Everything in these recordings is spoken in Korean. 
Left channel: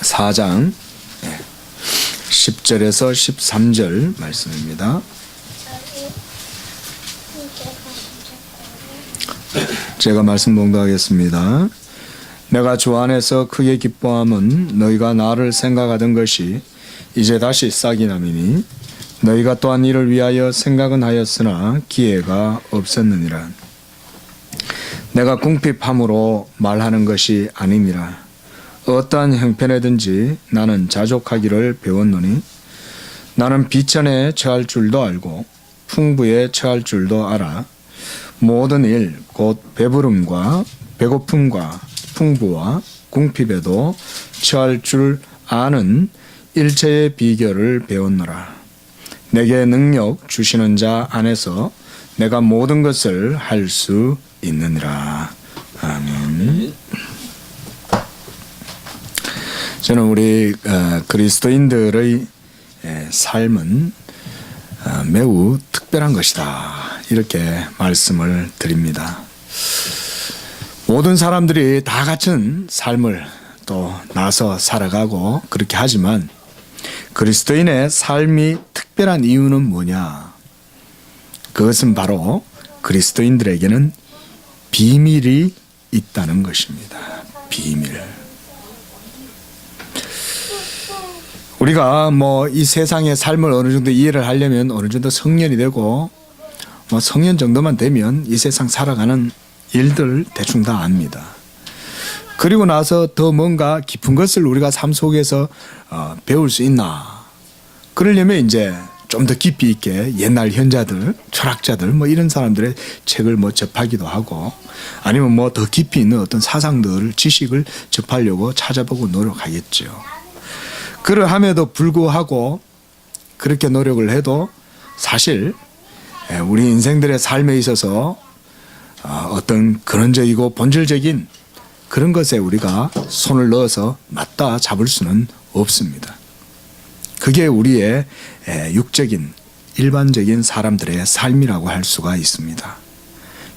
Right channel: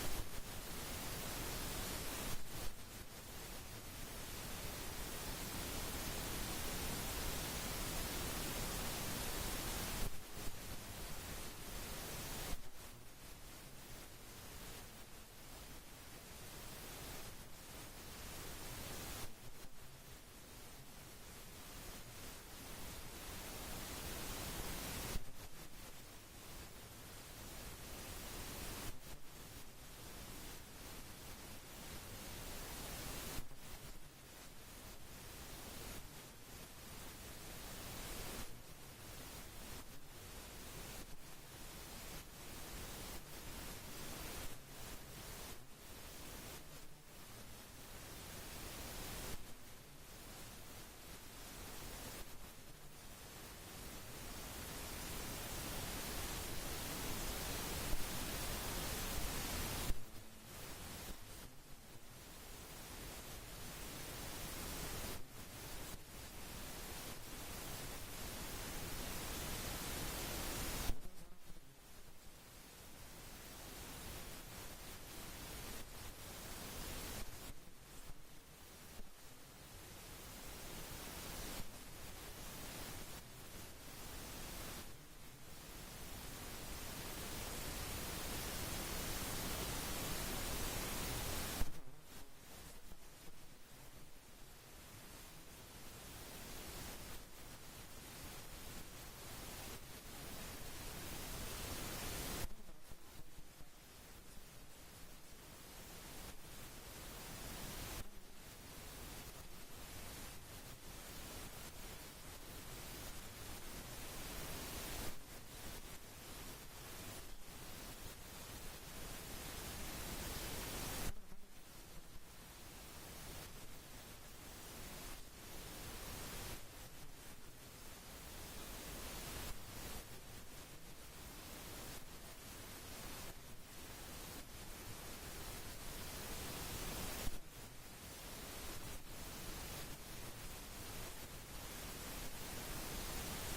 4장 10절에서 13절 말씀입니다. 제가 말씀 봉독하겠습니다. 내가 주 안에서 크게 기뻐함은 너희가 나를 생각하던 것이 이제 다시 싹이 나미니 너희가 또한 이를 위하여 생각은 하였으나 기회가 없었느니라. 내가 궁핍함으로 말하는 것이 아니니라. 어떠한 형편에든지 나는 자족하기를 배웠노니 나는 비천에 처할 줄도 알고 풍부에 처할 줄도 알아. 모든 일 곧 배부름과 배고픔과 풍부와 궁핍에도 처할 줄 아는 일체의 비결을 배웠노라. 내게 능력 주시는 자 안에서 내가 모든 것을 할 수 있느니라. 아멘. 저는 우리 그리스도인들의 삶은 매우 특별한 것이다, 이렇게 말씀을 드립니다. 모든 사람들이 다 같은 삶을 또 나서 살아가고 그렇게 하지만 그리스도인의 삶이 특별한 이유는 뭐냐? 그것은 바로 그리스도인들에게는 비밀이 있다는 것입니다. 비밀. 우리가 이 세상의 삶을 어느 정도 이해를 하려면 어느 정도 성년이 되고 성년 정도만 되면 이 세상 살아가는 일들 대충 다 압니다. 그리고 나서 더 뭔가 깊은 것을 우리가 삶 속에서 배울 수 있나? 그러려면 이제 좀 더 깊이 있게 옛날 현자들, 철학자들 이런 사람들의 책을 접하기도 하고, 아니면 더 깊이 있는 어떤 사상들, 지식을 접하려고 찾아보고 노력하겠죠. 그러함에도 불구하고 그렇게 노력을 해도 사실 우리 인생들의 삶에 있어서 어떤 근원적이고 본질적인 그런 것에 우리가 손을 넣어서 맞다 잡을 수는 없습니다. 그게 우리의 육적인 일반적인 사람들의 삶이라고 할 수가 있습니다.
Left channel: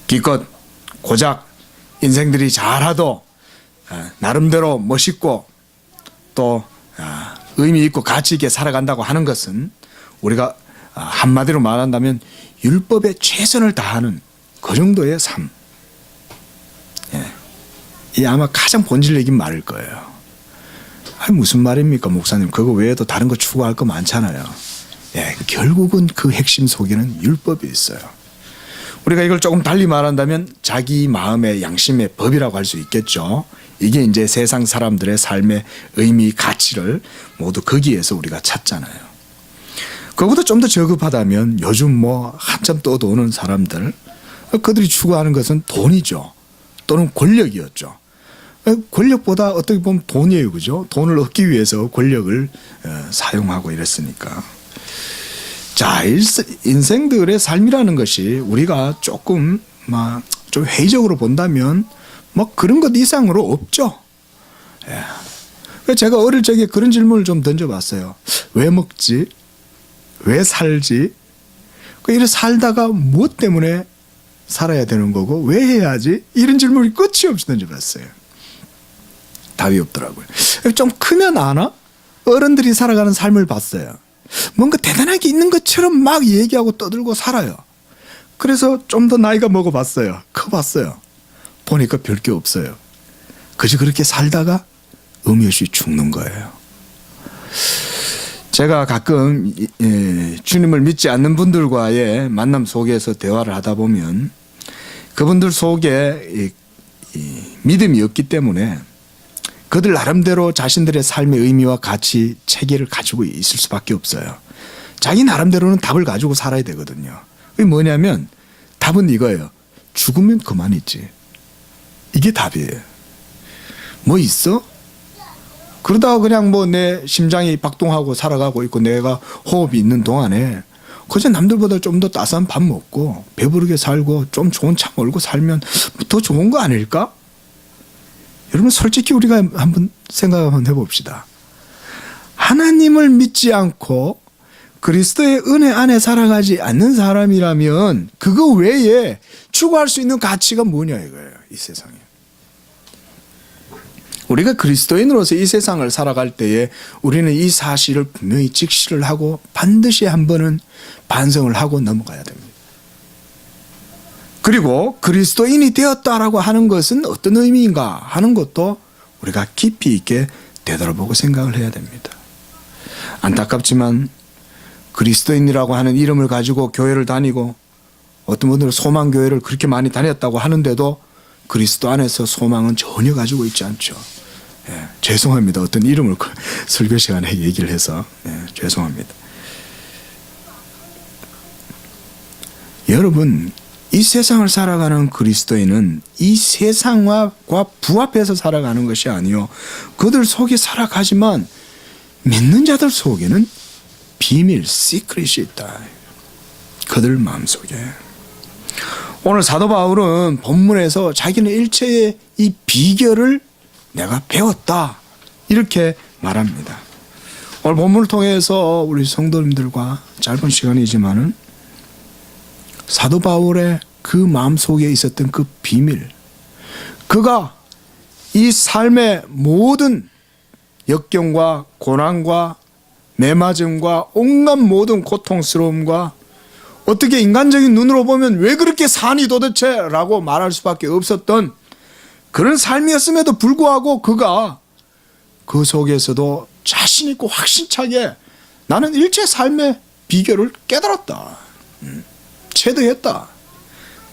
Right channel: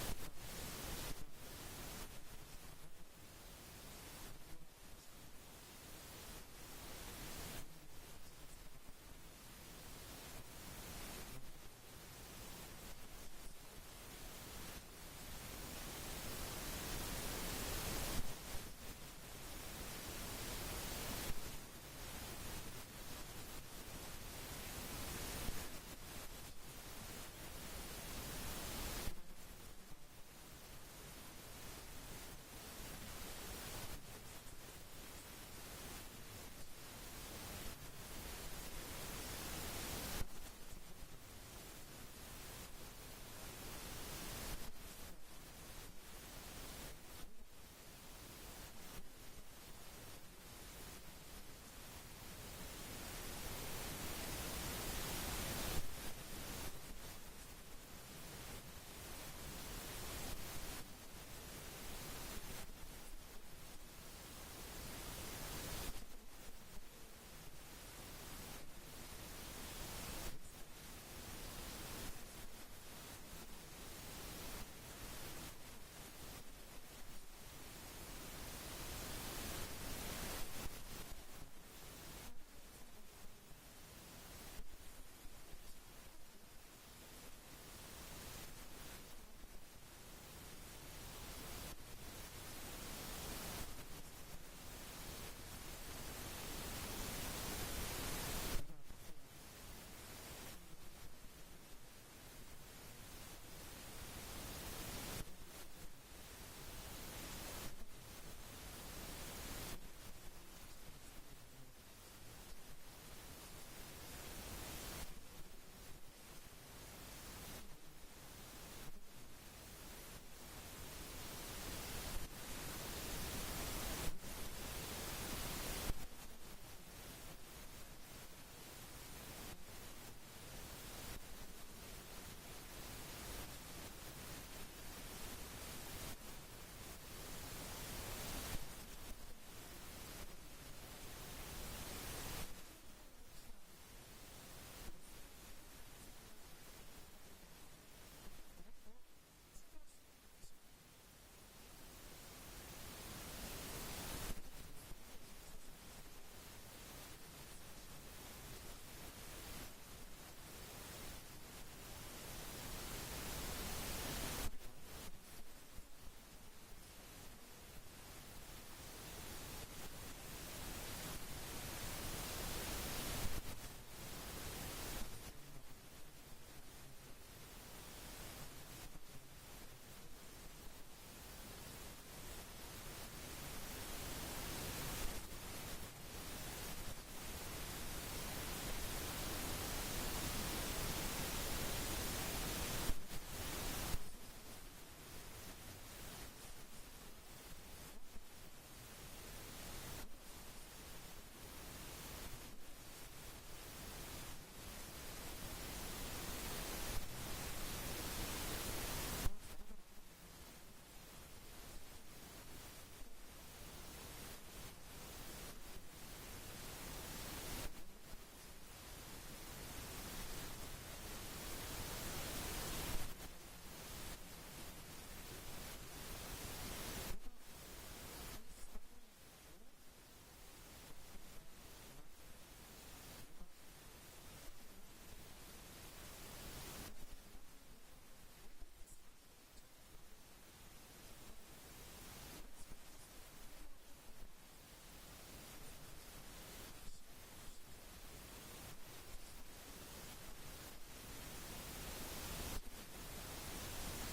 기껏 고작 인생들이 잘하도 나름대로 멋있고 또 의미 있고 가치 있게 살아간다고 하는 것은 우리가 한마디로 말한다면 율법에 최선을 다하는 그 정도의 삶. 이 아마 가장 본질적인 말일 거예요. 무슨 말입니까, 목사님? 그거 외에도 다른 거 추구할 거 많잖아요. 결국은 그 핵심 속에는 율법이 있어요. 우리가 이걸 조금 달리 말한다면 자기 마음의 양심의 법이라고 할 수 있겠죠. 이게 이제 세상 사람들의 삶의 의미, 가치를 모두 거기에서 우리가 찾잖아요. 그거보다 좀 더 저급하다면 요즘 한참 떠도는 사람들, 그들이 추구하는 것은 돈이죠. 또는 권력이었죠. 권력보다 어떻게 보면 돈이에요, 그죠? 돈을 얻기 위해서 권력을 사용하고 이랬으니까. 자, 인생들의 삶이라는 것이 우리가 조금 좀 회의적으로 본다면 그런 것 이상으로 없죠. 제가 어릴 적에 그런 질문을 좀 던져봤어요. 왜 먹지? 왜 살지? 이래 살다가 무엇 때문에 살아야 되는 거고 왜 해야지? 이런 질문이 끝이 없이 던져봤어요. 답이 없더라고요. 좀 크면 아나? 어른들이 살아가는 삶을 봤어요. 뭔가 대단하게 있는 것처럼 막 얘기하고 떠들고 살아요. 그래서 좀 더 나이가 먹어봤어요. 커봤어요. 보니까 별 게 없어요. 그저 그렇게 살다가 의미 없이 죽는 거예요. 제가 가끔 주님을 믿지 않는 분들과의 만남 속에서 대화를 하다 보면 그분들 속에 믿음이 없기 때문에 그들 나름대로 자신들의 삶의 의미와 가치, 체계를 가지고 있을 수밖에 없어요. 자기 나름대로는 답을 가지고 살아야 되거든요. 그게 뭐냐면 답은 이거예요. 죽으면 그만이지. 이게 답이에요. 뭐 있어? 그러다가 그냥 내 심장이 박동하고 살아가고 있고 내가 호흡이 있는 동안에 그저 남들보다 좀 더 따스한 밥 먹고 배부르게 살고 좀 좋은 차 몰고 살면 더 좋은 거 아닐까? 여러분, 솔직히 우리가 한번 생각 한번 해봅시다. 하나님을 믿지 않고 그리스도의 은혜 안에 살아가지 않는 사람이라면 그거 외에 추구할 수 있는 가치가 뭐냐 이거예요, 이 세상에. 우리가 그리스도인으로서 이 세상을 살아갈 때에 우리는 이 사실을 분명히 직시를 하고 반드시 한 번은 반성을 하고 넘어가야 됩니다. 그리고 그리스도인이 되었다라고 하는 것은 어떤 의미인가 하는 것도 우리가 깊이 있게 되돌아보고 생각을 해야 됩니다. 안타깝지만 그리스도인이라고 하는 이름을 가지고 교회를 다니고 어떤 분들은 소망교회를 그렇게 많이 다녔다고 하는데도 그리스도 안에서 소망은 전혀 가지고 있지 않죠. 예, 죄송합니다. 어떤 이름을 설교 시간에 얘기를 해서 죄송합니다. 여러분, 이 세상을 살아가는 그리스도인은 이 세상과 부합해서 살아가는 것이 아니요, 그들 속에 살아가지만 믿는 자들 속에는 비밀, 시크릿이 있다. 그들 마음속에. 오늘 사도 바울은 본문에서 자기는 일체의 이 비결을 내가 배웠다, 이렇게 말합니다. 오늘 본문을 통해서 우리 성도님들과 짧은 시간이지만은 사도 바울의 그 마음속에 있었던 그 비밀, 그가 이 삶의 모든 역경과 고난과 매맞음과 온갖 모든 고통스러움과 어떻게 인간적인 눈으로 보면 왜 그렇게 사니 도대체 라고 말할 수밖에 없었던 그런 삶이었음에도 불구하고 그가 그 속에서도 자신 있고 확신차게 나는 일체 삶의 비결을 깨달았다, 체득했다,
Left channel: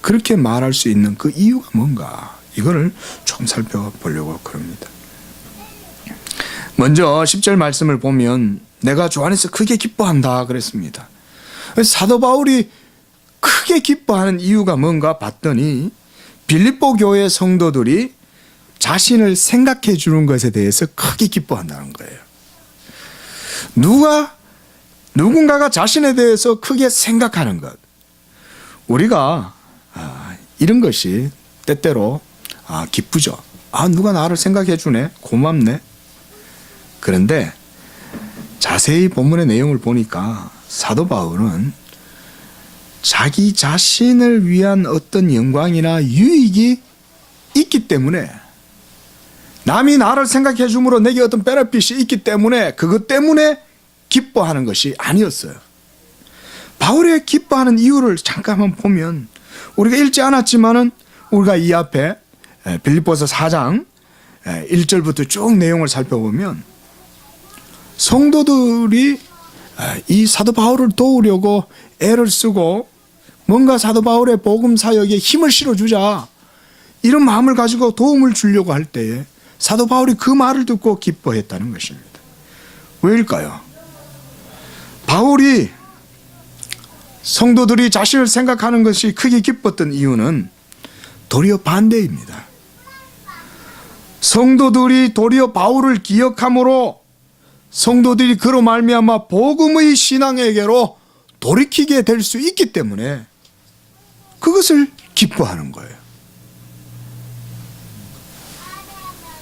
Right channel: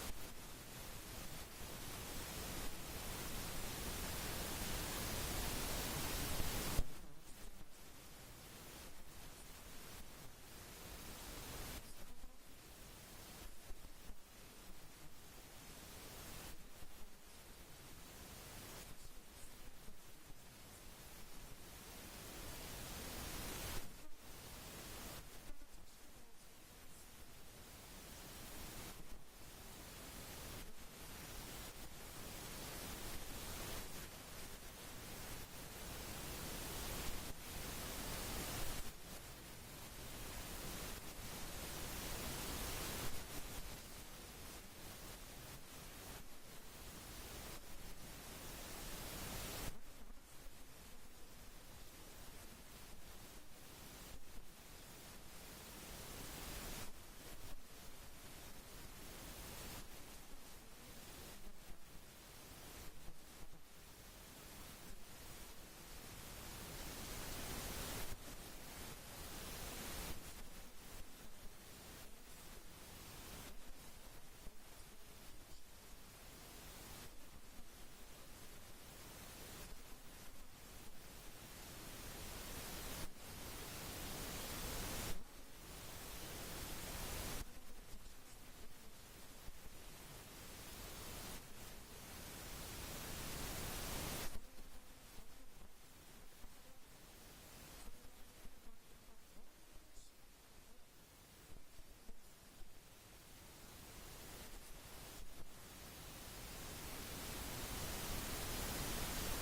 그렇게 말할 수 있는 그 이유가 뭔가, 이거를 좀 살펴보려고 그럽니다. 먼저 10절 말씀을 보면 내가 주 안에서 크게 기뻐한다 그랬습니다. 사도 바울이 크게 기뻐하는 이유가 뭔가 봤더니 빌립보 교회 성도들이 자신을 생각해 주는 것에 대해서 크게 기뻐한다는 거예요. 누군가가 자신에 대해서 크게 생각하는 것, 우리가 이런 것이 때때로 기쁘죠. 누가 나를 생각해 주네, 고맙네. 그런데 자세히 본문의 내용을 보니까 사도 바울은 자기 자신을 위한 어떤 영광이나 유익이 있기 때문에, 남이 나를 생각해 줌으로 내게 어떤 베네핏이 있기 때문에 그것 때문에 기뻐하는 것이 아니었어요. 바울의 기뻐하는 이유를 잠깐만 보면 우리가 읽지 않았지만은 우리가 이 앞에 빌립보서 4장 1절부터 쭉 내용을 살펴보면 성도들이 이 사도 바울을 도우려고 애를 쓰고 뭔가 사도 바울의 복음 사역에 힘을 실어주자, 이런 마음을 가지고 도움을 주려고 할 때에 사도 바울이 그 말을 듣고 기뻐했다는 것입니다. 왜일까요? 바울이 성도들이 자신을 생각하는 것이 크게 기뻤던 이유는 도리어 반대입니다. 성도들이 도리어 바울을 기억함으로 성도들이 그로 말미암아 복음의 신앙에게로 돌이키게 될 수 있기 때문에 그것을 기뻐하는 거예요.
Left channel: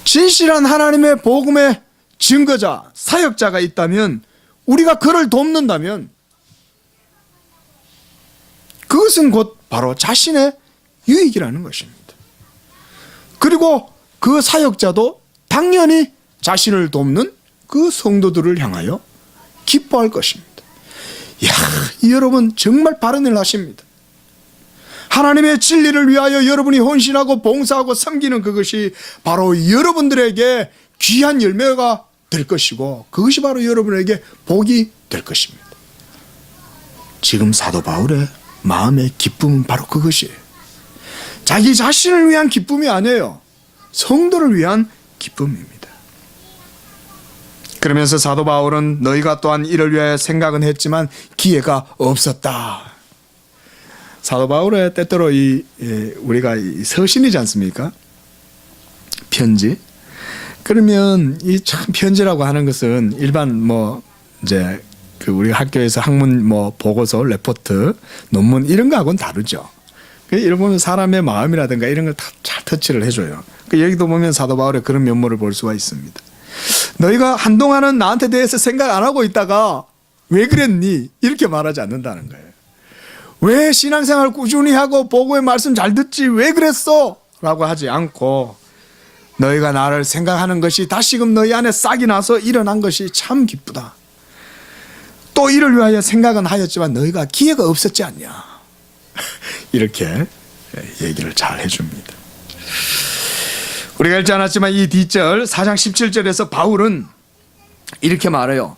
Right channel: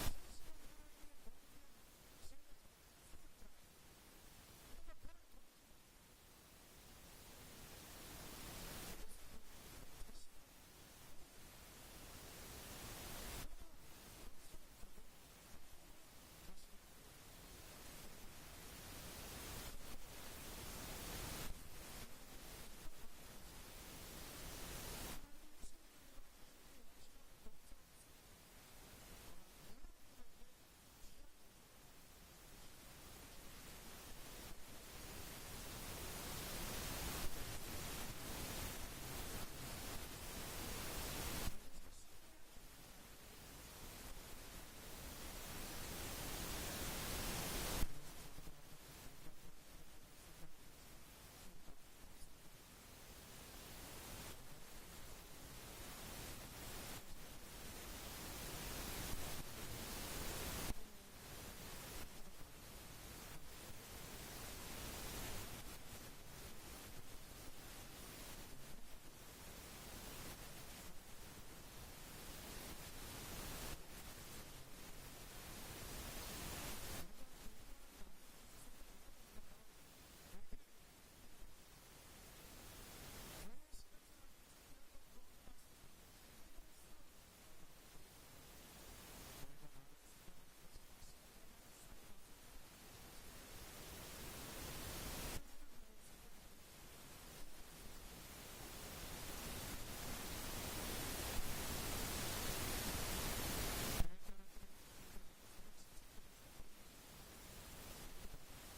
진실한 하나님의 복음의 증거자, 사역자가 있다면, 우리가 그를 돕는다면 그것은 곧 바로 자신의 유익이라는 것입니다. 그리고 그 사역자도 당연히 자신을 돕는 그 성도들을 향하여 기뻐할 것입니다. 여러분 정말 바른 일 하십니다. 하나님의 진리를 위하여 여러분이 헌신하고 봉사하고 섬기는 그것이 바로 여러분들에게 귀한 열매가 될 것이고, 그것이 바로 여러분에게 복이 될 것입니다. 지금 사도 바울의 마음의 기쁨은 바로 그것이에요. 자기 자신을 위한 기쁨이 아니에요. 성도를 위한 기쁨입니다. 그러면서 사도 바울은 너희가 또한 이를 위하여 생각은 했지만 기회가 없었다. 사도 바울의 때때로 우리가 서신이지 않습니까? 편지. 그러면 이 참 편지라고 하는 것은 일반 이제 우리 학교에서 학문 보고서, 레포트, 논문 이런 거하고는 다르죠. 이런 보면 사람의 마음이라든가 이런 걸 다 잘 터치를 해줘요. 여기도 보면 사도 바울의 그런 면모를 볼 수가 있습니다. 너희가 한동안은 나한테 대해서 생각 안 하고 있다가 왜 그랬니? 이렇게 말하지 않는다는 거예요. 왜 신앙생활 꾸준히 하고 복음의 말씀 잘 듣지 왜 그랬어? 라고 하지 않고 너희가 나를 생각하는 것이 다시금 너희 안에 싹이 나서 일어난 것이 참 기쁘다. 또 이를 위하여 생각은 하였지만 너희가 기회가 없었지 않냐. 이렇게 얘기를 잘 해줍니다. 우리가 읽지 않았지만 이 뒷절 4장 17절에서 바울은 이렇게 말해요.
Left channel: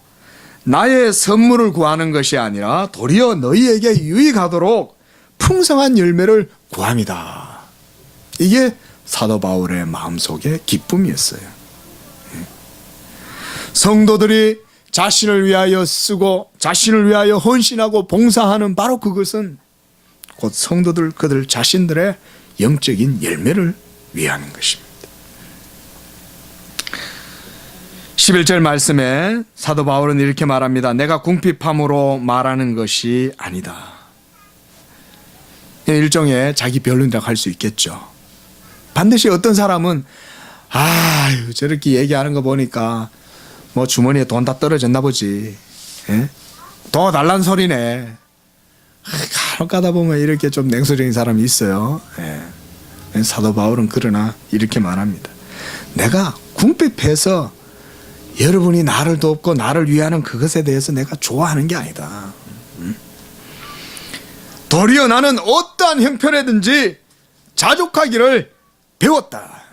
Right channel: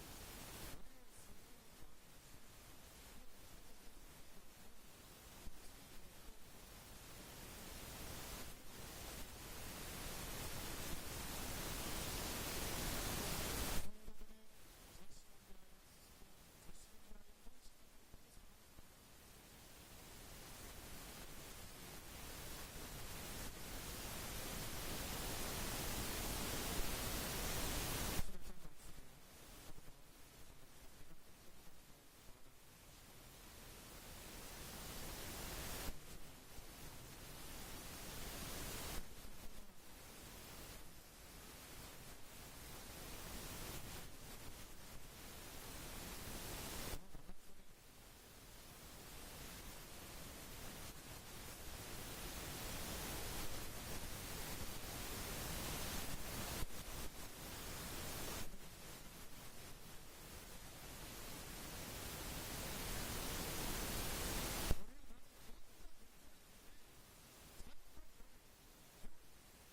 나의 선물을 구하는 것이 아니라 도리어 너희에게 유익하도록 풍성한 열매를 구함이다. 이게 사도 바울의 마음속의 기쁨이었어요. 성도들이 자신을 위하여 쓰고 자신을 위하여 헌신하고 봉사하는 바로 그것은 곧 성도들 그들 자신들의 영적인 열매를 위하는 것입니다. 11절 말씀에 사도 바울은 이렇게 말합니다. 내가 궁핍함으로 말하는 것이 아니다. 일종의 자기 변론이라고 할 수 있겠죠. 반드시 어떤 사람은 아유 저렇게 얘기하는 거 보니까 뭐 주머니에 돈 다 떨어졌나 보지. 예? 더 달란 소리네. 간혹 가다 보면 이렇게 좀 냉소적인 사람이 있어요. 예. 사도 바울은 그러나 이렇게 말합니다. 내가 궁핍해서 여러분이 나를 돕고 나를 위하는 그것에 대해서 내가 좋아하는 게 아니다. 도리어 나는 어떠한 형편에든지 자족하기를 배웠다.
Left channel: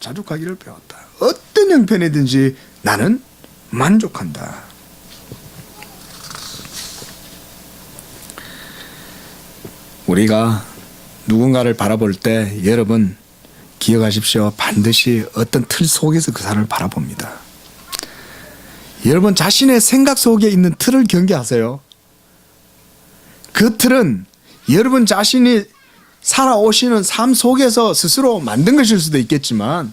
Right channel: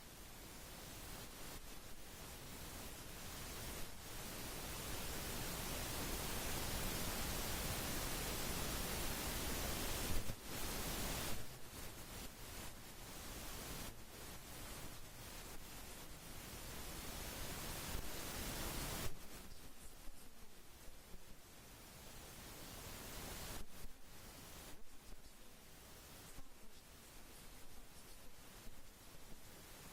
자족하기를 배웠다. 어떤 형편이든지 나는 만족한다. 우리가 누군가를 바라볼 때 여러분 기억하십시오. 반드시 어떤 틀 속에서 그 사람을 바라봅니다. 여러분 자신의 생각 속에 있는 틀을 경계하세요. 그 틀은 여러분 자신이 살아오시는 삶 속에서 스스로 만든 것일 수도 있겠지만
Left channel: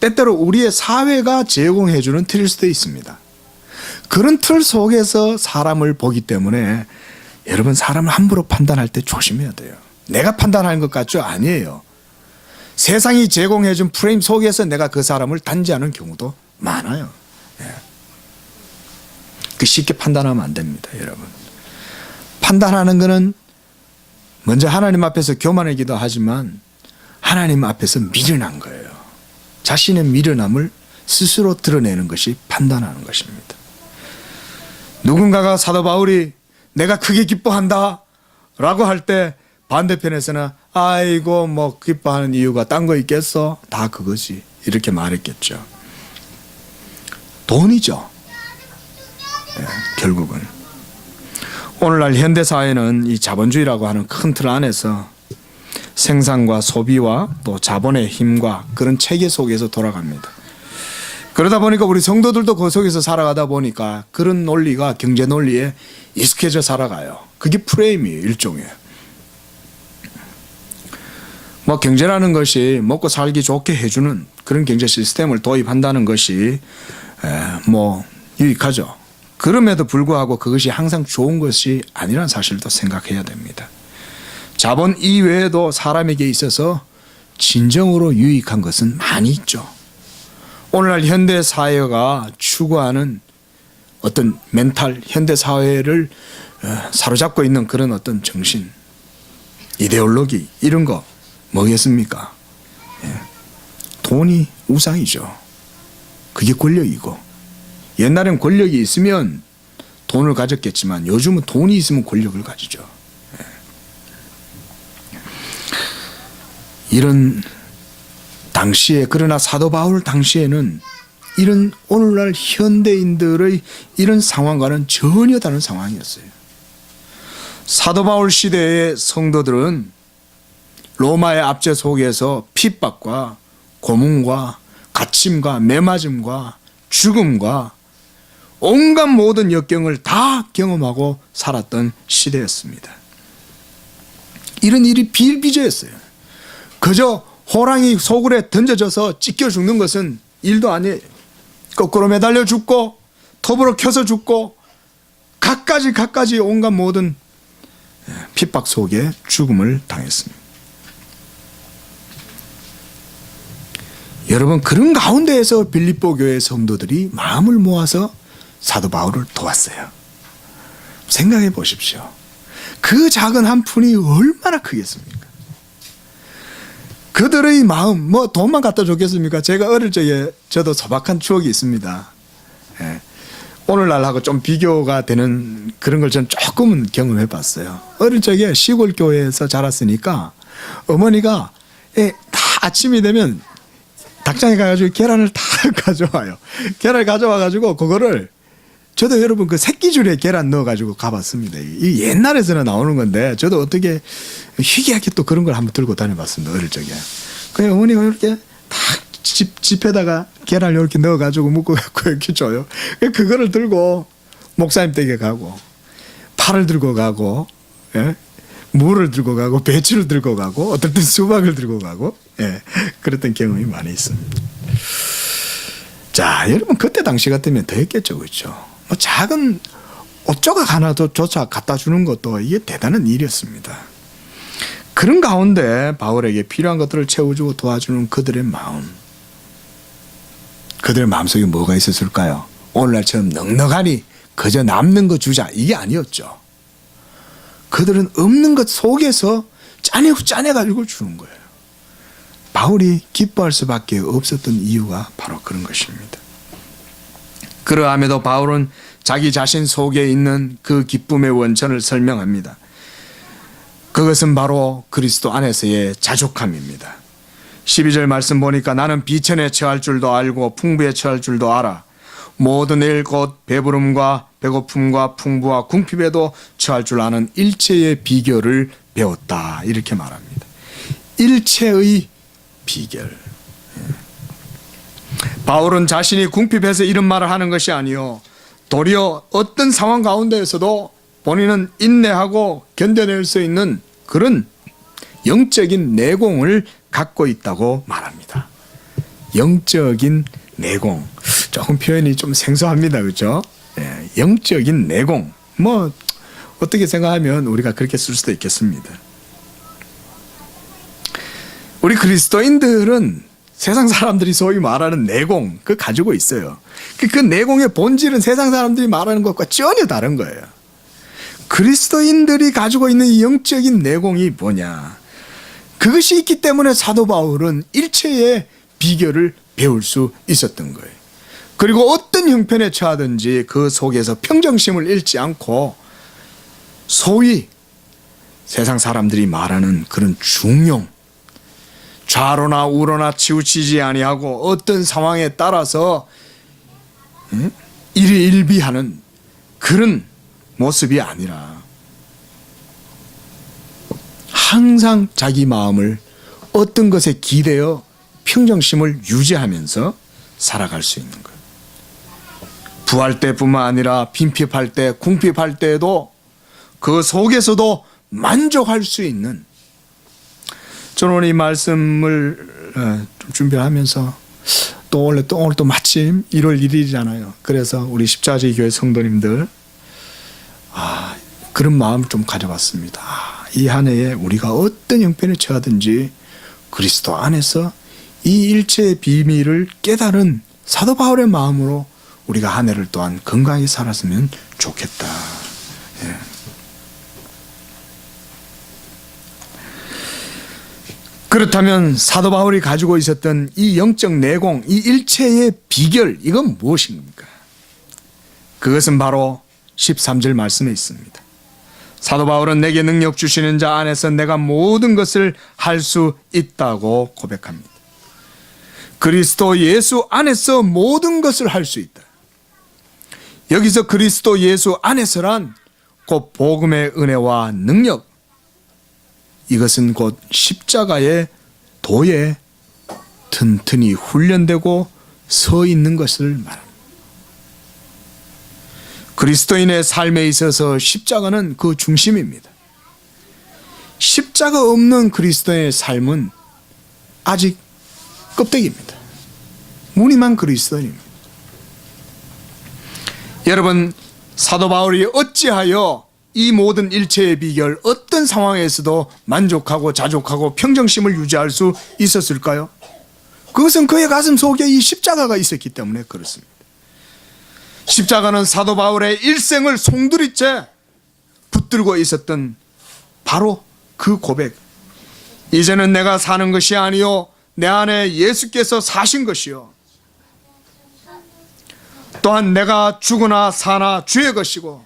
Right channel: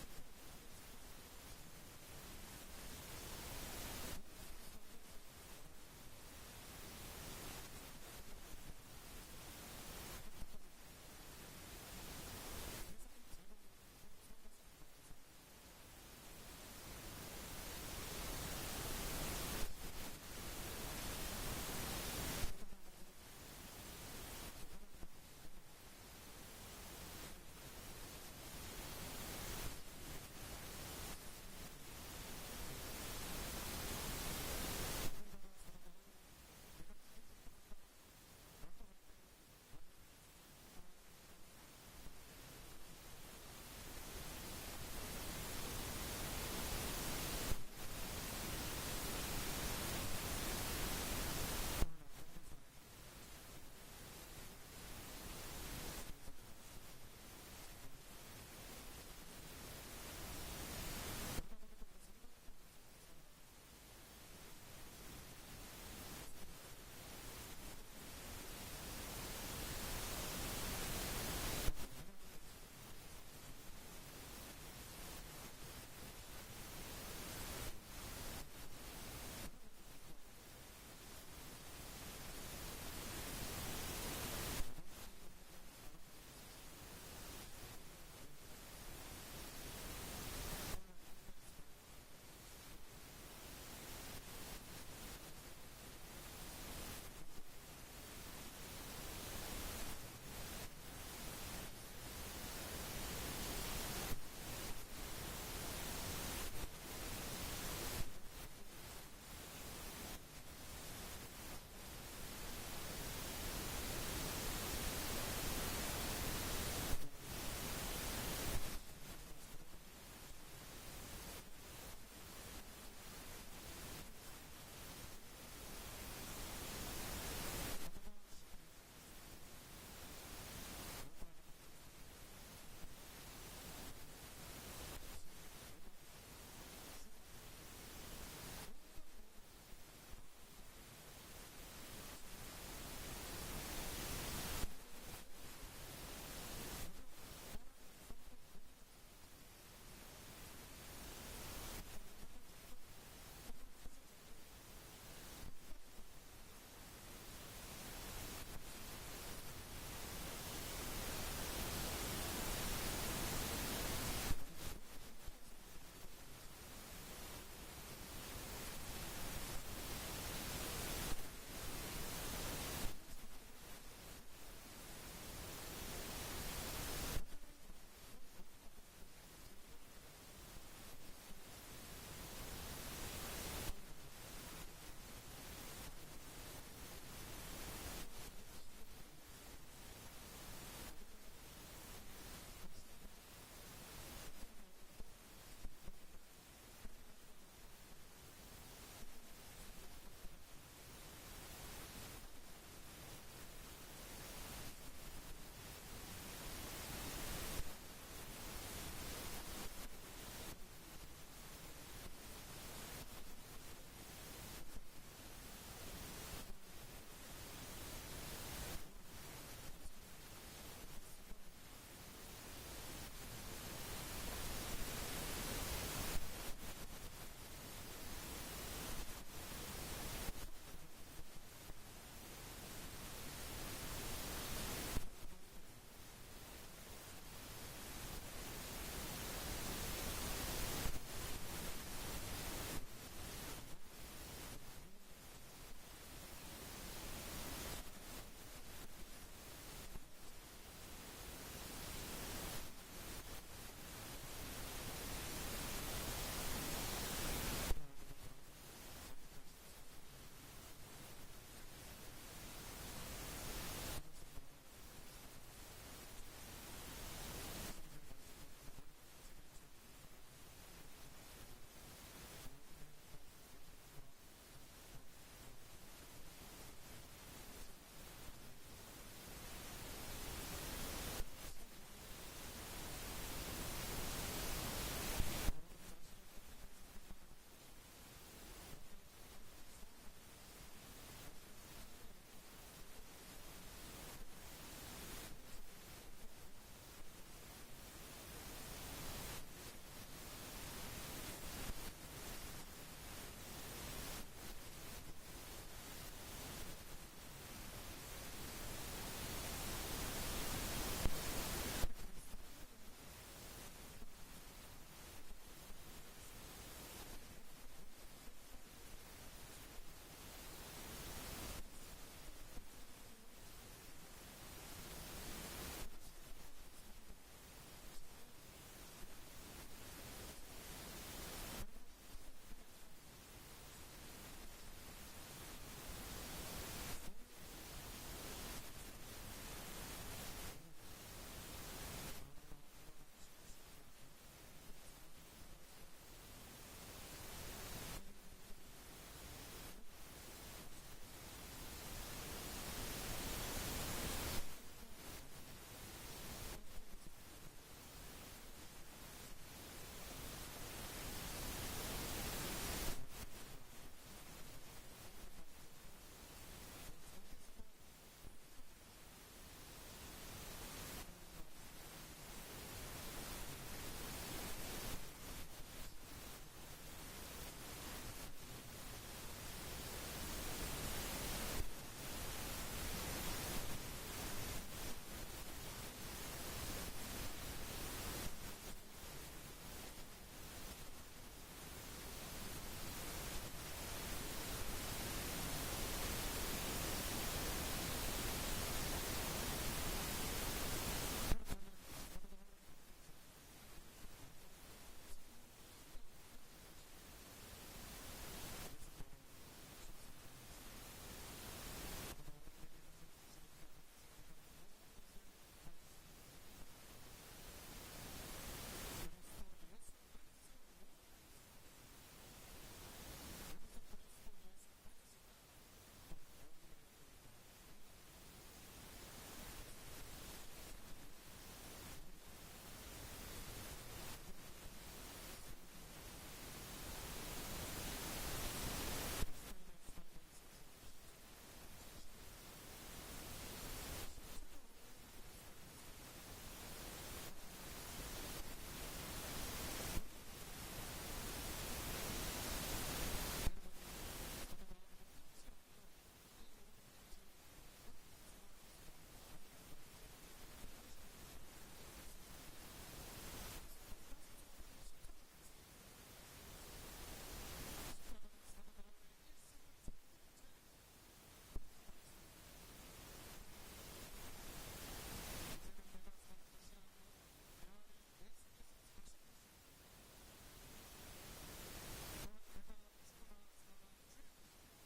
때때로 우리의 사회가 제공해주는 틀일 수도 있습니다. 그런 틀 속에서 사람을 보기 때문에 여러분 사람을 함부로 판단할 때 조심해야 돼요. 내가 판단하는 것 같죠? 아니에요. 세상이 제공해준 프레임 속에서 내가 그 사람을 단지하는 경우도 많아요. 그 쉽게 판단하면 안 됩니다, 여러분. 판단하는 것은 먼저 하나님 앞에서 교만하기도 하지만 하나님 앞에서 미련한 거예요. 자신의 미련함을 스스로 드러내는 것이 판단하는 것입니다. 누군가가 사도 바울이 내가 크게 기뻐한다 라고 할 때 반대편에서는 아이고 뭐 기뻐하는 이유가 딴 거 있겠어? 다 그거지. 이렇게 말했겠죠. 돈이죠. 결국은 오늘날 현대사회는 이 자본주의라고 하는 큰 틀 안에서 생산과 소비와 또 자본의 힘과 그런 체계 속에서 돌아갑니다. 그러다 보니까 우리 성도들도 그 속에서 살아가다 보니까 그런 논리가 경제 논리에 익숙해져 살아가요. 그게 프레임이에요. 일종의. 뭐 경제라는 것이 먹고 살기 좋게 해주는 그런 경제 시스템을 도입한다는 것이 뭐 유익하죠. 그럼에도 불구하고 그것이 항상 좋은 것이 아니라는 사실도 생각해야 됩니다. 자본 이외에도 사람에게 있어서 진정으로 유익한 것은 많이 있죠. 오늘날 현대사회가 추구하는 어떤 멘탈, 현대사회를 사로잡고 있는 그런 어떤 정신, 이데올로기 이런 거 뭐겠습니까? 돈이 우상이죠. 그게 권력이고 옛날엔 권력이 있으면 돈을 가졌겠지만 요즘은 돈이 있으면 권력을 가지죠. 이런 당시에 그러나 사도 바울 당시에는 이런 오늘날 현대인들의 이런 상황과는 전혀 다른 상황이었어요. 사도 바울 시대의 성도들은 로마의 압제 속에서 핍박과 고문과 갇힘과 매맞음과 죽음과 온갖 모든 역경을 다 경험하고 살았던 시대였습니다. 이런 일이 비일비재했어요. 그저 호랑이 소굴에 던져져서 찢겨 죽는 것은 일도 아니에요. 거꾸로 매달려 죽고 톱으로 켜서 죽고 갖가지 온갖 모든 핍박 속에 죽음을 당했습니다. 여러분 그런 가운데에서 빌립보 교회 성도들이 마음을 모아서 사도 바울을 도왔어요. 생각해 보십시오. 그 작은 한 푼이 얼마나 크겠습니까? 그들의 마음, 뭐 돈만 갖다 줬겠습니까? 제가 어릴 적에 저도 소박한 추억이 있습니다. 예. 오늘날하고 좀 비교가 되는 그런 걸 전 조금은 경험해 봤어요. 어릴 적에 시골 교회에서 자랐으니까 어머니가 다 아침이 되면 닭장에 가가지고 계란을 다 가져와요. 계란을 가져와가지고 그거를 저도 여러분 그 새끼줄에 계란 넣어가지고 가봤습니다. 이 옛날에서는 나오는 건데 저도 어떻게 희귀하게 또 그런 걸 한번 들고 다녀봤습니다. 어릴 적에. 그냥 어머니가 이렇게 딱 집에다가 계란을 이렇게 넣어가지고 묶어갖고 이렇게 줘요. 그거를 들고 목사님 댁에 가고 팔을 들고 가고, 예? 물을 들고 가고 배추를 들고 가고 어떨 땐 수박을 들고 가고, 예, 그랬던 경험이 많이 있습니다. 자, 여러분 그때 당시 같으면 더 했겠죠, 그렇죠? 뭐 작은 옷조각 하나도 조차 갖다 주는 것도 이게 대단한 일이었습니다. 그런 가운데 바울에게 필요한 것들을 채워주고 도와주는 그들의 마음, 그들의 마음속에 뭐가 있었을까요? 오늘날처럼 넉넉하니 그저 남는 거 주자 이게 아니었죠. 그들은 없는 것 속에서 짜내가지고 주는 거예요. 바울이 기뻐할 수밖에 없었던 이유가 바로 그런 것입니다. 그러함에도 바울은 자기 자신 속에 있는 그 기쁨의 원천을 설명합니다. 그것은 바로 그리스도 안에서의 자족함입니다. 12절 말씀 보니까 나는 비천에 처할 줄도 알고 풍부에 처할 줄도 알아. 모든 일 곧 배부름과 배고픔과 풍부와 궁핍에도 처할 줄 아는 일체의 비결을 배웠다. 이렇게 말합니다. 일체의 비결. 바울은 자신이 궁핍해서 이런 말을 하는 것이 아니요, 도리어 어떤 상황 가운데에서도 본인은 인내하고 견뎌낼 수 있는 그런 영적인 내공을 갖고 있다고 말합니다. 영적인 내공, 조금 표현이 좀 생소합니다, 그렇죠? 예, 영적인 내공, 뭐 어떻게 생각하면 우리가 그렇게 쓸 수도 있겠습니다. 우리 그리스도인들은 세상 사람들이 소위 말하는 내공, 그거 가지고 있어요. 그 내공의 본질은 세상 사람들이 말하는 것과 전혀 다른 거예요. 그리스도인들이 가지고 있는 이 영적인 내공이 뭐냐? 그것이 있기 때문에 사도 바울은 일체의 비결을 배울 수 있었던 거예요. 그리고 어떤 형편에 처하든지 그 속에서 평정심을 잃지 않고 소위 세상 사람들이 말하는 그런 중용, 좌로나 우로나 치우치지 아니하고 어떤 상황에 따라서 일희일비하는 그런 모습이 아니라 항상 자기 마음을 어떤 것에 기대어 평정심을 유지하면서 살아갈 수 있는 거예요. 부할 때뿐만 아니라 빈핍할 때, 궁핍할 때에도 그 속에서도 만족할 수 있는, 저는 오늘 이 말씀을 좀 준비하면서 오늘 또 마침 1월 1일이잖아요. 그래서 우리 십자가제일 교회 성도님들 그런 마음을 좀 가져봤습니다. 이 한 해에 우리가 어떤 형편에 처하든지 그리스도 안에서 이 일체의 비밀을 깨달은 사도 바울의 마음으로 우리가 한 해를 또한 건강하게 살았으면 좋겠다. 예. 그렇다면 사도 바울이 가지고 있었던 이 영적 내공, 이 일체의 비결, 이건 무엇입니까? 그것은 바로 13절 말씀에 있습니다. 사도 바울은 내게 능력 주시는 자 안에서 내가 모든 것을 할 수 있다고 고백합니다. 그리스도 예수 안에서 모든 것을 할 수 있다. 여기서 그리스도 예수 안에서란 곧 복음의 은혜와 능력, 이것은 곧 십자가의 도에 튼튼히 훈련되고 서 있는 것을 말합니다. 그리스도인의 삶에 있어서 십자가는 그 중심입니다. 십자가 없는 그리스도의 삶은 아직 껍데기입니다. 무늬만 그리스도인입니다. 여러분, 사도 바울이 어찌하여 이 모든 일체의 비결, 어떤 상황에서도 만족하고 자족하고 평정심을 유지할 수 있었을까요? 그것은 그의 가슴 속에 이 십자가가 있었기 때문에 그렇습니다. 십자가는 사도 바울의 일생을 송두리째 붙들고 있었던 바로 그 고백, 이제는 내가 사는 것이 아니요 내 안에 예수께서 사신 것이요 또한 내가 죽으나 사나 주의 것이고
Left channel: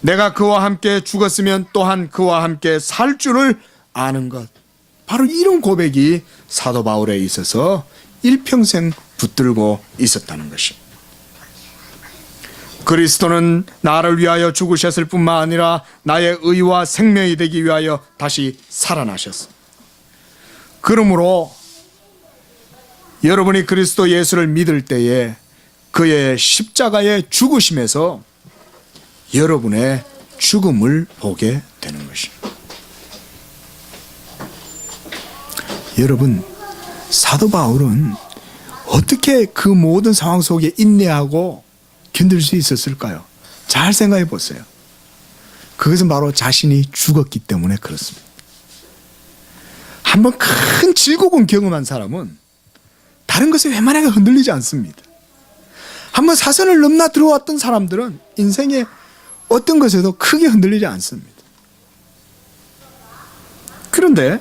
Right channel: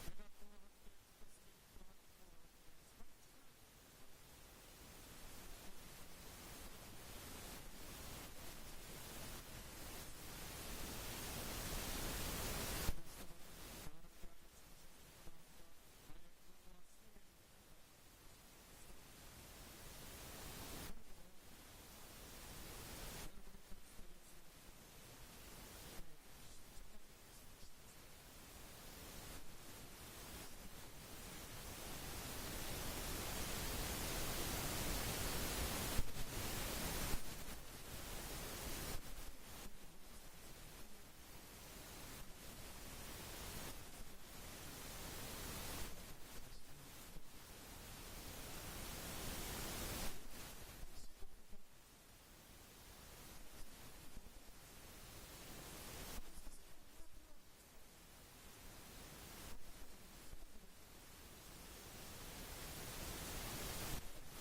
내가 그와 함께 죽었으면 또한 그와 함께 살 줄을 아는 것. 바로 이런 고백이 사도 바울에 있어서 일평생 붙들고 있었다는 것입니다. 그리스도는 나를 위하여 죽으셨을 뿐만 아니라 나의 의와 생명이 되기 위하여 다시 살아나셨습니다. 그러므로 여러분이 그리스도 예수를 믿을 때에 그의 십자가의 죽으심에서 여러분의 죽음을 보게 되는 것입니다. 여러분, 사도 바울은 어떻게 그 모든 상황 속에 인내하고 견딜 수 있었을까요? 잘 생각해 보세요. 그것은 바로 자신이 죽었기 때문에 그렇습니다. 한번 큰 질곡을 경험한 사람은 다른 것에 웬만하게 흔들리지 않습니다. 한번 사선을 넘나 들어왔던 사람들은 인생의 어떤 것에도 크게 흔들리지 않습니다. 그런데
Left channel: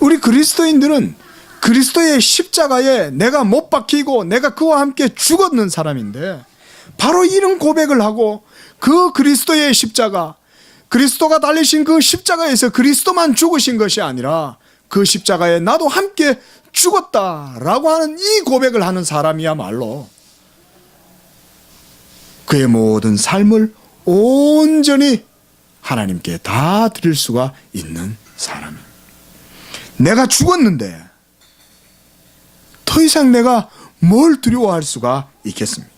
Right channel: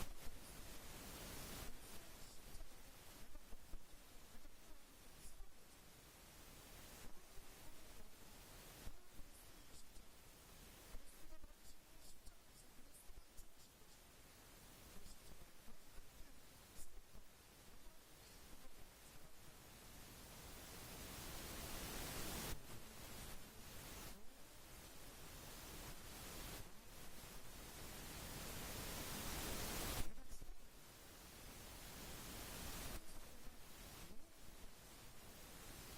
우리 그리스도인들은 그리스도의 십자가에 내가 못 박히고 내가 그와 함께 죽었는 사람인데 바로 이런 고백을 하고 그 그리스도의 십자가, 그리스도가 달리신 그 십자가에서 그리스도만 죽으신 것이 아니라 그 십자가에 나도 함께 죽었다라고 하는 이 고백을 하는 사람이야말로 그의 모든 삶을 온전히 하나님께 다 드릴 수가 있는 사람입니다. 내가 죽었는데 더 이상 내가 뭘 두려워할 수가 있겠습니까?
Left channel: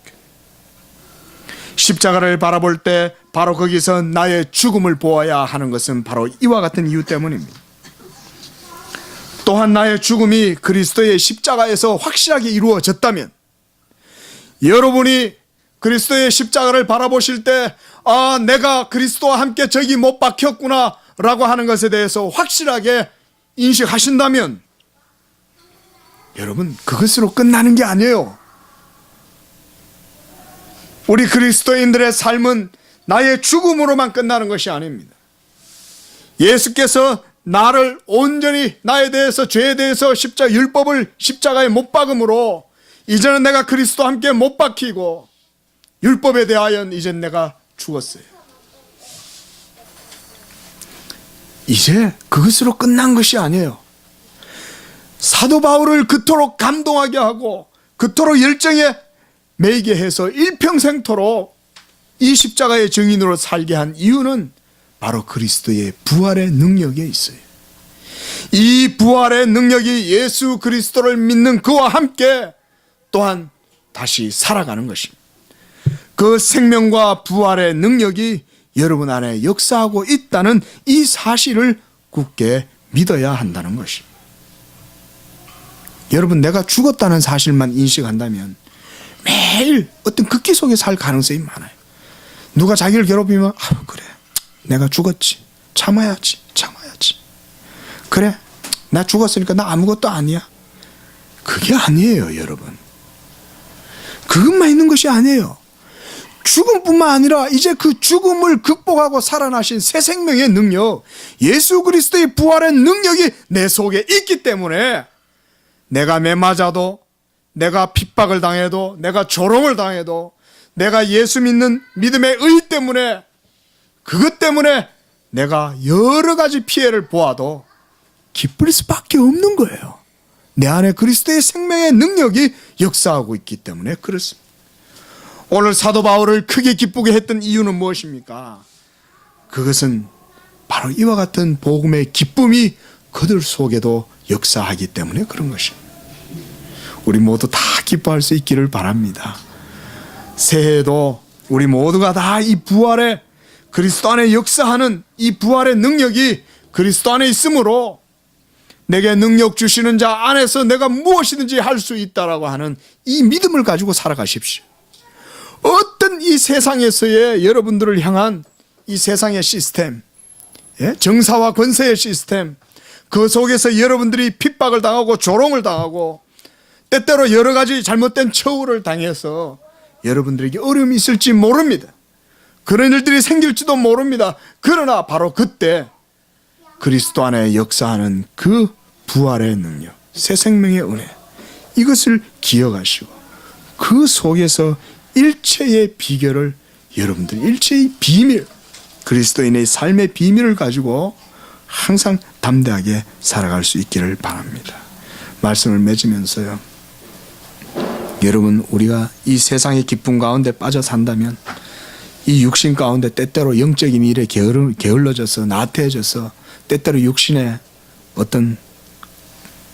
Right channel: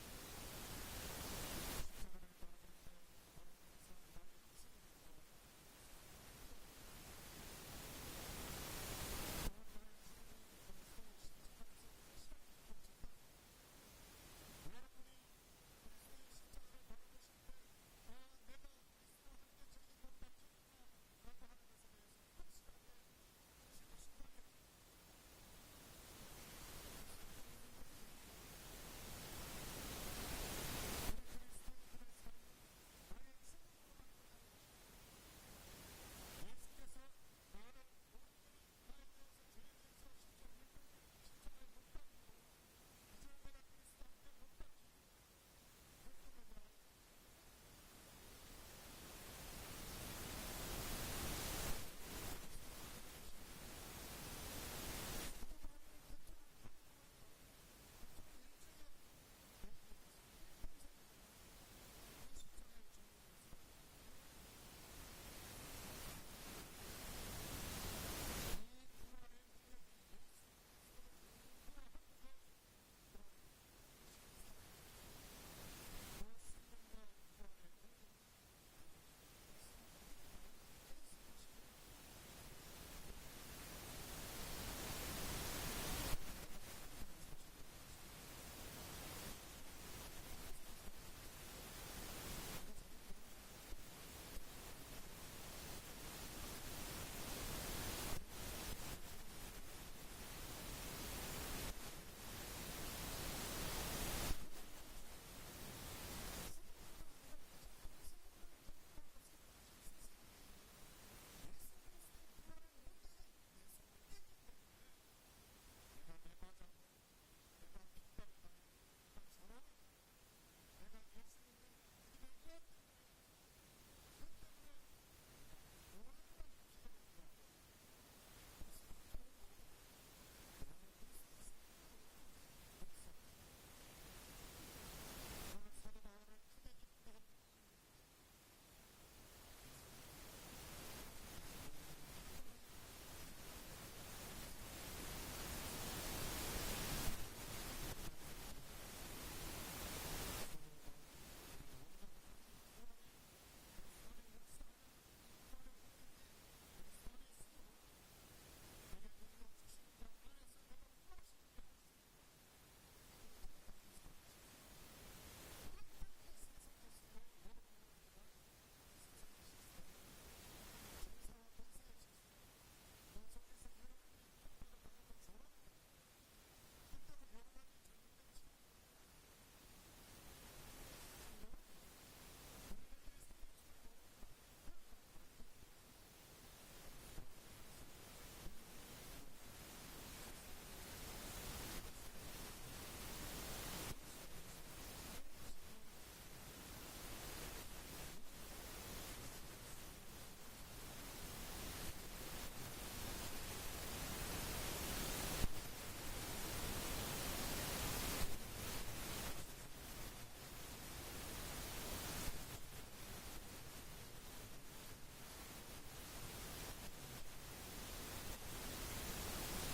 십자가를 바라볼 때 바로 거기서 나의 죽음을 보아야 하는 것은 바로 이와 같은 이유 때문입니다. 또한 나의 죽음이 그리스도의 십자가에서 확실하게 이루어졌다면 여러분이 그리스도의 십자가를 바라보실 때 아, 내가 그리스도와 함께 저기 못 박혔구나 라고 하는 것에 대해서 확실하게 인식하신다면 여러분, 그것으로 끝나는 게 아니에요. 우리 그리스도인들의 삶은 나의 죽음으로만 끝나는 것이 아닙니다. 예수께서 나를 온전히 나에 대해서 죄에 대해서 율법을 십자가에 못 박음으로 이제는 내가 그리스도와 함께 못 박히고 율법에 대하여 이젠 내가 죽었어요. 이제 그것으로 끝난 것이 아니에요. 사도 바울을 그토록 감동하게 하고 그토록 열정에 매이게 해서 일평생토록 이 십자가의 증인으로 살게 한 이유는 바로 그리스도의 부활의 능력에 있어요. 이 부활의 능력이 예수 그리스도를 믿는 그와 함께 또한 다시 살아가는 것입니다. 그 생명과 부활의 능력이 여러분 안에 역사하고 있다는 이 사실을 굳게 믿어야 한다는 것입니다. 여러분, 내가 죽었다는 사실만 인식한다면 매일 어떤 극기 속에 살 가능성이 많아요. 누가 자기를 괴롭히면 그래, 내가 죽었지, 참아야지. 그래, 나 죽었으니까 나 아무것도 아니야. 그게 아니에요, 여러분. 그것만 있는 것이 아니에요. 죽음뿐만 아니라 이제 그 죽음을 극복하고 살아나신 새 생명의 능력, 예수 그리스도의 부활의 능력이 내 속에 있기 때문에 내가 매맞아도, 내가 핍박을 당해도, 내가 조롱을 당해도, 내가 예수 믿는 믿음의 의 때문에, 그것 때문에 내가 여러 가지 피해를 보아도 기쁠 수밖에 없는 거예요. 내 안에 그리스도의 생명의 능력이 역사하고 있기 때문에 그렇습니다. 오늘 사도 바울을 크게 기쁘게 했던 이유는 무엇입니까? 그것은 바로 이와 같은 복음의 기쁨이 그들 속에도 역사하기 때문에 그런 것입니다. 우리 모두 다 기뻐할 수 있기를 바랍니다. 새해에도 우리 모두가 다 이 부활의 그리스도 안에 역사하는 이 부활의 능력이 그리스도 안에 있으므로 내게 능력 주시는 자 안에서 내가 무엇이든지 할 수 있다라고 하는 이 믿음을 가지고 살아가십시오. 어떤 이 세상에서의 여러분들을 향한 이 세상의 시스템, 정사와 권세의 시스템, 그 속에서 여러분들이 핍박을 당하고 조롱을 당하고 때때로 여러 가지 잘못된 처우를 당해서 여러분들에게 어려움이 있을지 모릅니다. 그런 일들이 생길지도 모릅니다. 그러나 바로 그때 그리스도 안에 역사하는 그 부활의 능력, 새 생명의 은혜, 이것을 기억하시고 그 속에서 일체의 비결을, 여러분들 일체의 비밀, 그리스도인의 삶의 비밀을 가지고 항상 담대하게 살아갈 수 있기를 바랍니다. 말씀을 맺으면서요, 여러분, 우리가 이 세상의 기쁨 가운데 빠져 산다면 이 육신 가운데 때때로 영적인 일에 게을러져서 나태해져서 때때로 육신의 어떤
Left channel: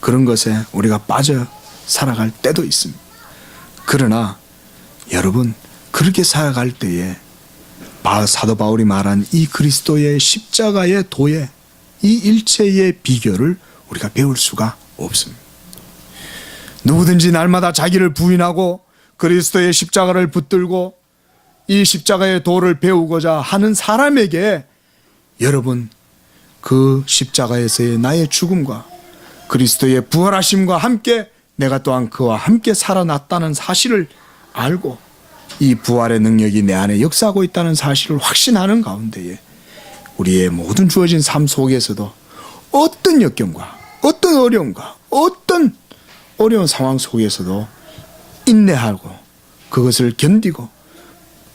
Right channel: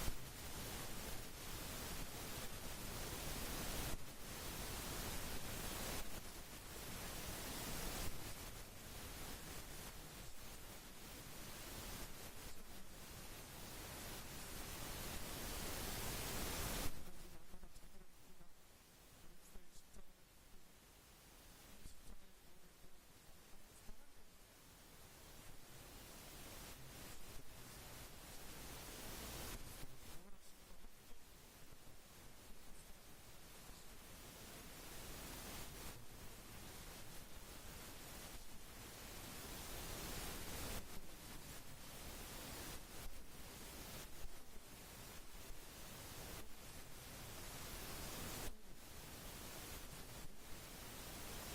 그런 것에 우리가 빠져 살아갈 때도 있습니다. 그러나 여러분, 그렇게 살아갈 때에 사도 바울이 말한 이 그리스도의 십자가의 도에 이 일체의 비결을 우리가 배울 수가 없습니다. 누구든지 날마다 자기를 부인하고 그리스도의 십자가를 붙들고 이 십자가의 도를 배우고자 하는 사람에게 여러분, 그 십자가에서의 나의 죽음과 그리스도의 부활하심과 함께 내가 또한 그와 함께 살아났다는 사실을 알고 이 부활의 능력이 내 안에 역사하고 있다는 사실을 확신하는 가운데에 우리의 모든 주어진 삶 속에서도 어떤 역경과 어떤 어려움과 어떤 어려운 상황 속에서도 인내하고 그것을 견디고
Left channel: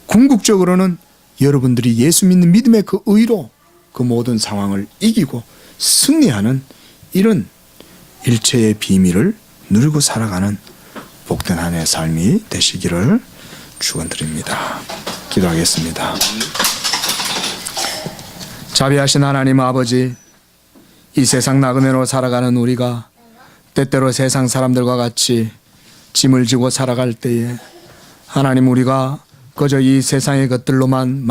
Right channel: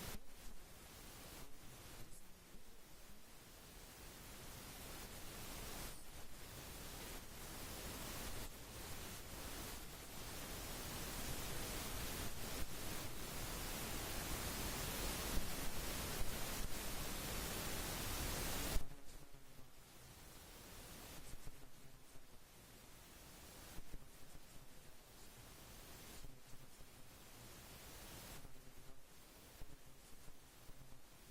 궁극적으로는 여러분들이 예수 믿는 믿음의 그 의로 그 모든 상황을 이기고 승리하는 이런 일체의 비밀을 누리고 살아가는 복된 한 해의 삶이 되시기를 축원드립니다. 기도하겠습니다. 자비하신 하나님 아버지, 이 세상 나그네로 살아가는 우리가 때때로 세상 사람들과 같이 짐을 지고 살아갈 때에 하나님, 우리가 그저 이 세상의 것들로만